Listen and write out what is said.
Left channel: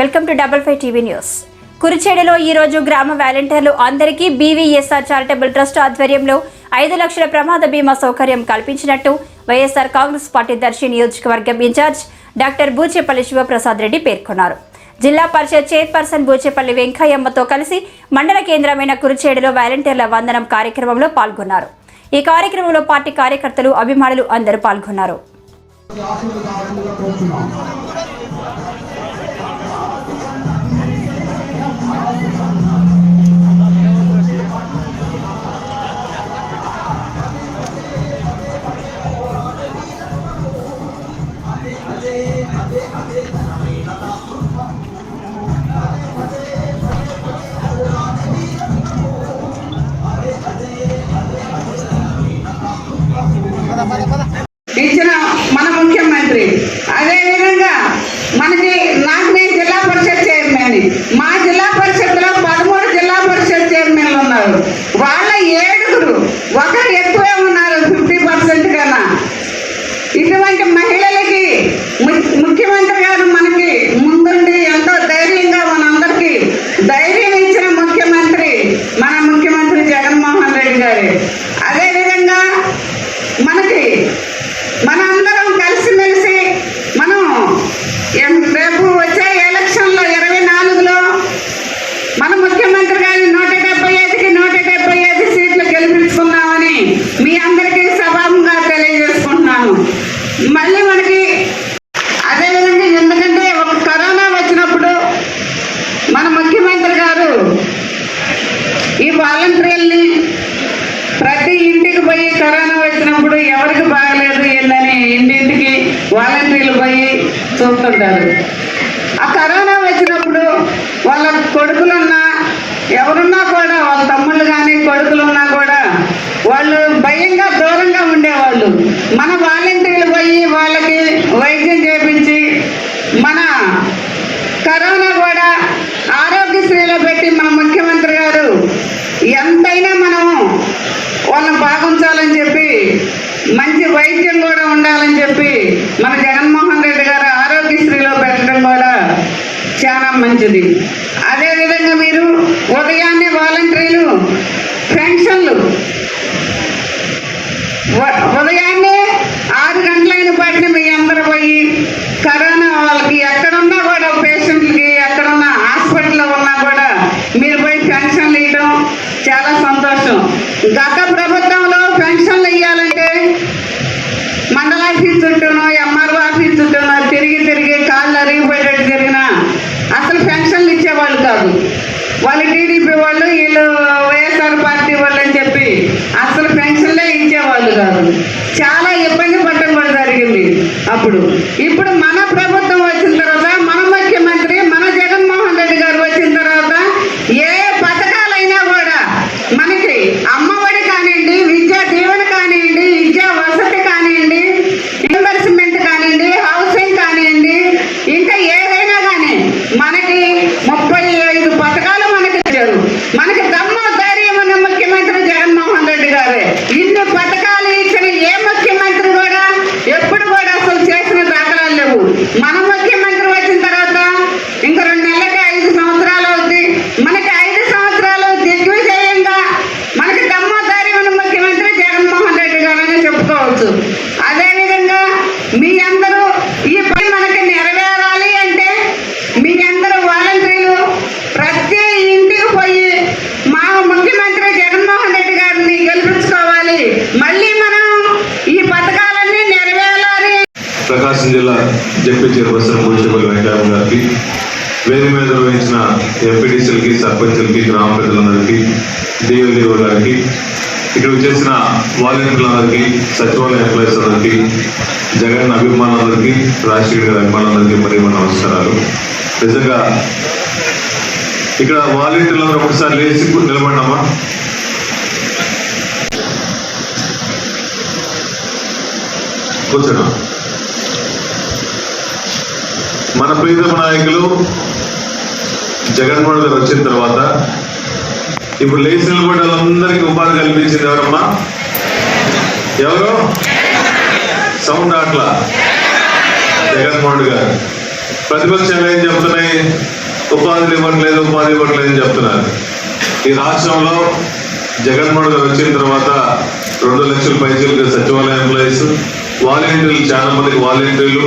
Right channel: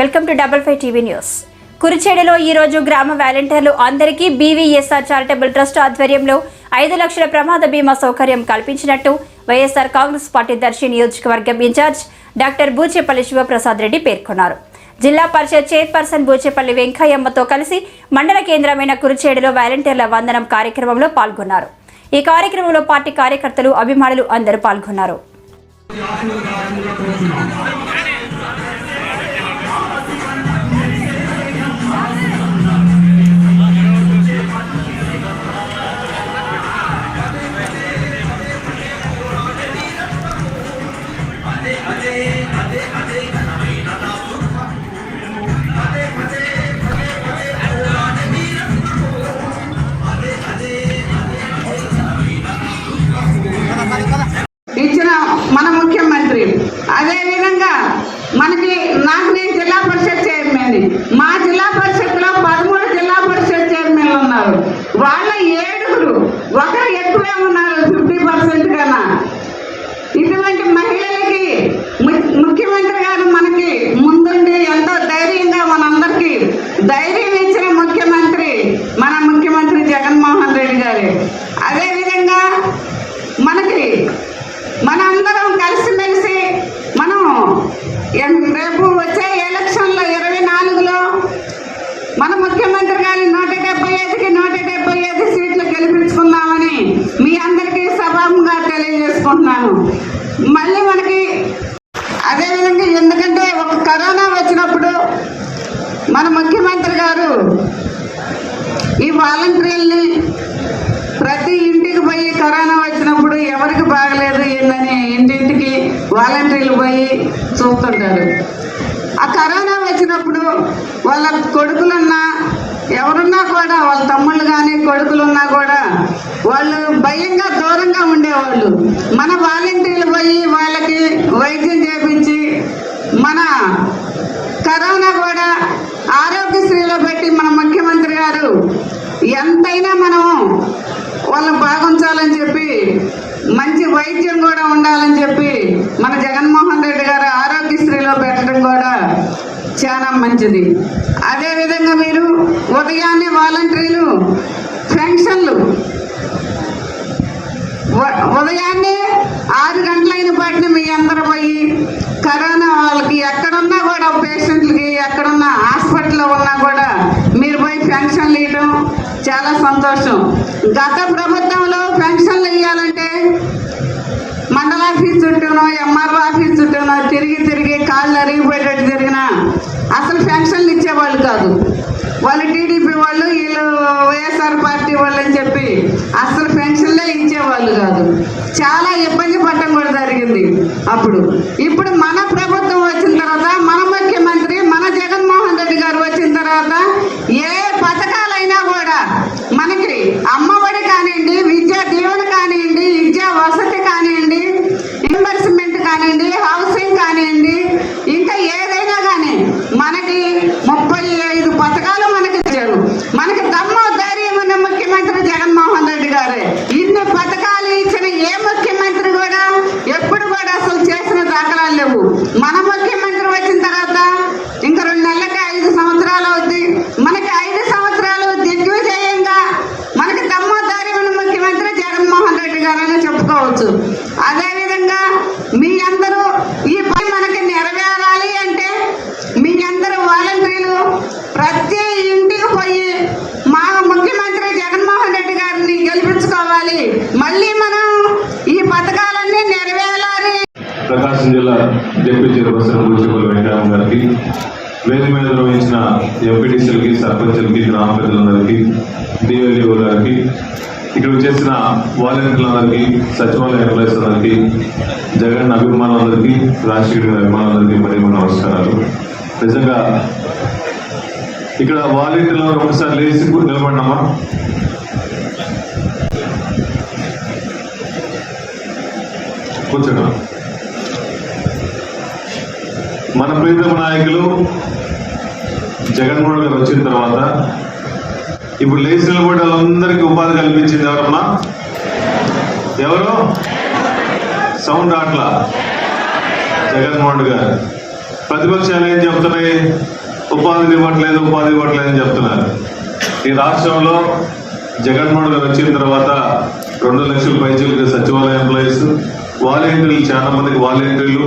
Welcome to double five TV news. కురిచేడులో ఈ రోజు గ్రామ వాలంటీర్లు అందరికీ బీవీఎస్ఆర్ చారిటబుల్ ట్రస్ట్ ఆధ్వర్యంలో ఐదు లక్షల ప్రమాద బీమా సౌకర్యం కల్పించినట్టు వైఎస్ఆర్ కాంగ్రెస్ పార్టీ దర్శి నియోజకవర్గం ఇన్ఛార్జ్ డాక్టర్ బూచేపల్లి శివప్రసాద్ రెడ్డి పేర్కొన్నారు. జిల్లా పరిషత్ చైర్పర్సన్ బూచేపల్లి వెంకయ్యమ్మతో కలిసి మండల కేంద్రమైన కురిచేడులో వాలంటీర్ల వందనం కార్యక్రమంలో పాల్గొన్నారు. ఈ కార్యక్రమంలో పార్టీ కార్యకర్తలు అభిమానులు అందరూ పాల్గొన్నారు. ఇచ్చిన కానీ మా వాలంటీర్లని ప్రతి ఇంటికి పోయి కరోనా వచ్చినప్పుడు ఎవరికి బాగలేదు ఏందని ఇంటింటికి వాలంటీర్లు పోయి చూస్తుంటారు. ఆ కరోనా వచ్చినప్పుడు వాళ్ళ కొడుకులున్నా ఎవరున్నా కూడా వాళ్ళ తమ్ముళ్ళు కానీ కొడుకులున్నా కూడా వాళ్ళు భయంగా దూరంగా ఉండేవాళ్ళు. మన వాలంటీర్లు పోయి వాళ్ళకి వైద్యం చేపించి మన కరోనా కూడా ఆరోగ్యశ్రీలో పెట్టి మన ముఖ్యమంత్రి గారు ఎంతైనా మనము వాళ్ళని బాగుంచాలని చెప్పి మంచి వైద్యం కూడా ఉండాలని చెప్పి మన జగన్మోహన్ రెడ్డి గారు ఆరోగ్యశ్రీలో పెట్టడం కూడా చాలా మంచిది. అదేవిధంగా మీరు ఉదయాన్నే వాలంటీర్లు పెన్షన్లు ఉ- ఉదయాన్నే ఆరు గంటలైన పాటిని మీ అందరూ పోయి కరోనా వాళ్ళకి ఎక్కడున్నా కూడా పేషెంట్లకి ఎక్కడున్నా హాస్పిటల్లో ఉన్నా కూడా మీరు పోయి పెన్షన్లు ఇవ్వడం చాలా సంతోషం గత ప్రభుత్వంలో పెన్షన్లు ఇవ్వాలంటే మండల ఆఫీస్ చుట్టూనో ఎంఆర్ఓ ఆఫీస్ చుట్టూనో తిరిగి తిరిగి కాళ్ళు అరిగిపోయేటట్టు జరిగినా అసలు పెన్షన్లు ఇచ్చేవాళ్ళు కాదు. వాళ్ళు టీడీపీ వాళ్ళు వీళ్ళు వైఎస్ఆర్ పార్టీ వాళ్ళు అని చెప్పి అసలు పెన్షన్లే ఇచ్చేవాళ్ళు కాదు. చాలా ఇబ్బంది పడటం కూడా జరిగింది అప్పుడు. ఇప్పుడు మన ప్రభుత్వం వచ్చిన తర్వాత మన ముఖ్యమంత్రి మన జగన్మోహన్ రెడ్డి గారు వచ్చిన తర్వాత ఏ పథకాలైనా కూడా మనకి అమ్మఒడి కానివ్వండి విద్యా దీవెన కానివ్వండి విద్యా వసతి కానివ్వండి ఇన్వెస్ట్మెంట్ కానివ్వండి హౌసింగ్ కానివ్వండి ఇంకా ఏదైనా కానీ మనకి ముప్పై ఐదు పథకాలు మనకి ఇచ్చారు మనకి దమ్ము ధైర్యం ఉన్న ముఖ్యమంత్రి జగన్మోహన్ రెడ్డి గారే ఇన్ని పథకాలు ఇచ్చిన ఏ ముఖ్యమంత్రి కూడా ఎప్పుడు కూడా అసలు చేసిన దాఖలాలు లేవు మన ముఖ్యమంత్రి వచ్చిన తర్వాత ఇంకా రెండు నెలలకి ఐదు సంవత్సరాలు అవుద్ది మనకి ఐదు సంవత్సరాలు దిగ్విజయంగా మనకి దమ్ము ధైర్యం ఉన్న ముఖ్యమంత్రి జగన్మోహన్ రెడ్డి గారని చెప్పుకోవచ్చు అదేవిధంగా మీ అందరూ ఈ పని మనకి నెరవేరాలి అంటే మీ అందరూ వాలంటీర్లు ప్రతి ఇంటికి పోయి మా ముఖ్యమంత్రి జగన్మోహన్ రెడ్డి గారిని గెలిపించుకోవాలి మళ్ళీ మనం ఈ పథకాలన్నీ నెరవేరాలి ప్రకాశం జిల్లా డిప్యూటీ చైర్పర్సన్ భూషపల్లి వెంకయ్య గారికి వేదిక మీద నిర్వహించిన ఎంపీటీసీలకి సర్పంచులకి గ్రామ పెద్దలందరికీ డిఓలిఓ గారికి ఇక్కడ చేసిన వాలంటీర్లందరికీ సచివాలయ ఎంప్లాయీస్ అందరికీ జగన్ అభిమానులందరికీ రాజశేఖర్ గారి అభిమానులందరికీ మరి మన నమస్కారాలు. నిజంగా ఇక్కడ వాలంటీర్లు ఒకసారి లేచి నిలబడినామా? కూర్చున్నాం మన ప్రియతమ నాయకులు జగన్మోహన్ గారు వచ్చిన తర్వాత ఇప్పుడు లేచి నిలబడి వాళ్ళందరికీ ఉపాధి కల్పించింది ఎవరమ్మా ఎవరు? సౌండ్ అట్లా జగన్మోహన్ గారు. ప్రతిపక్షం ఏం చెప్తున్నాయి? ఉపాధి ఇవ్వట్లేదు ఉపాధి ఇవ్వట్లేదు అని చెప్తున్నారు. ఈ రాష్ట్రంలో జగన్మోహన్ గారు వచ్చిన తర్వాత రెండు లక్షల పైసలు సచివాలయ ఎంప్లాయీస్ వాలంటీర్లు చాలా మందికి వాలంటీర్లు